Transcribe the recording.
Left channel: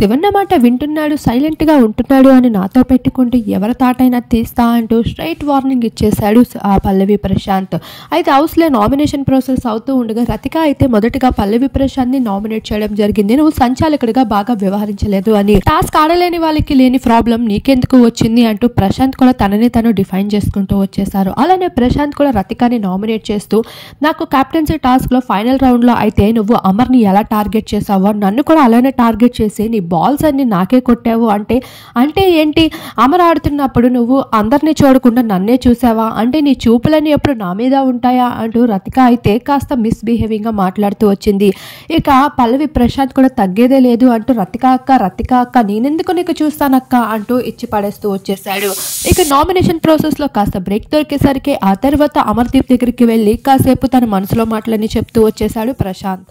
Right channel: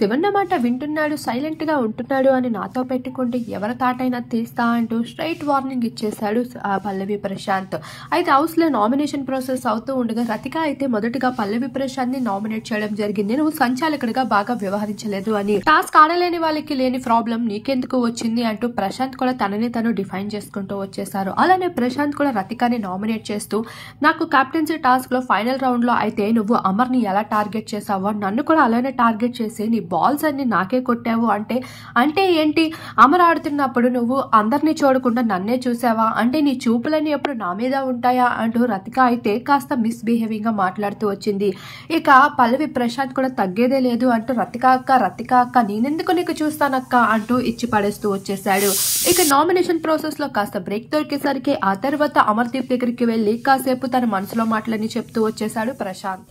శివన్న మాట వింటున్నాడు, సైలెంట్గా ఉంటున్నాడు అని నాతో పెట్టుకుంటే ఎవరి తాటైనా తీస్తా అంటూ స్ట్రైట్ వార్నింగ్ ఇచ్చేశాడు ఆ పల్లవి ప్రశాంత్. అయితే హౌస్లో నామినేషన్ ప్రాసెస్ అవుతూ ఉండగా రతిక అయితే మొదటగా పల్లవి ప్రశాంత్ని నామినేట్ చేయడం జరిగింది. నువ్వు సంచాలకుడిగా బాగా వ్యవహరించలేదు అని, టాస్క్ ఆడలేని వాళ్ళకి లేని ప్రాబ్లం నీకెందుకు వచ్చింది అంటూ ప్రశాంత్ కూడా తనని తను డిఫైన్ చేసుకుంటూ వచ్చేసారు. అలానే ప్రశాంత్ కూడా రతికాని నామినేట్ చేస్తూ నాకు కెప్టెన్సీ టాస్క్ లో ఫైనల్ రౌండ్ లో అయితే నువ్వు అమర్ని ఎలా టార్గెట్ చేసావో నన్ను కూడా అలానే టార్గెట్ చేసి నీ బాల్స్ అన్ని నాకే కొట్టావు అంటే ఏంటి, అమర్ ఆడుతున్నప్పుడు నువ్వు అందరినీ చూడకుండా నన్నే చూసావా, అంటే నీ చూపులన్నీ ఎప్పుడు నా మీద ఉంటాయా అంటూ రతిక అయితే కాస్త మిస్బిహేవింగ్ గా మాట్లాడుతూ వచ్చింది. ఇక పల్లవి ప్రశాంత్ కూడా తగ్గేదే లేదు అంటూ రతిక అక్క నేనెందుకు నీకు చూస్తానక్క అంటూ ఇచ్చి పడేస్తూ వచ్చేసాడు. ఇక నామినేషన్ ప్రాసెస్ లో కాస్త బ్రేక్ దొరికేసరికి ఆ తర్వాత అమర్దీప్ దగ్గరికి వెళ్ళి కాసేపు తన మనసులో మాటలని చెప్తూ వచ్చేసాడు ప్రశాంత్.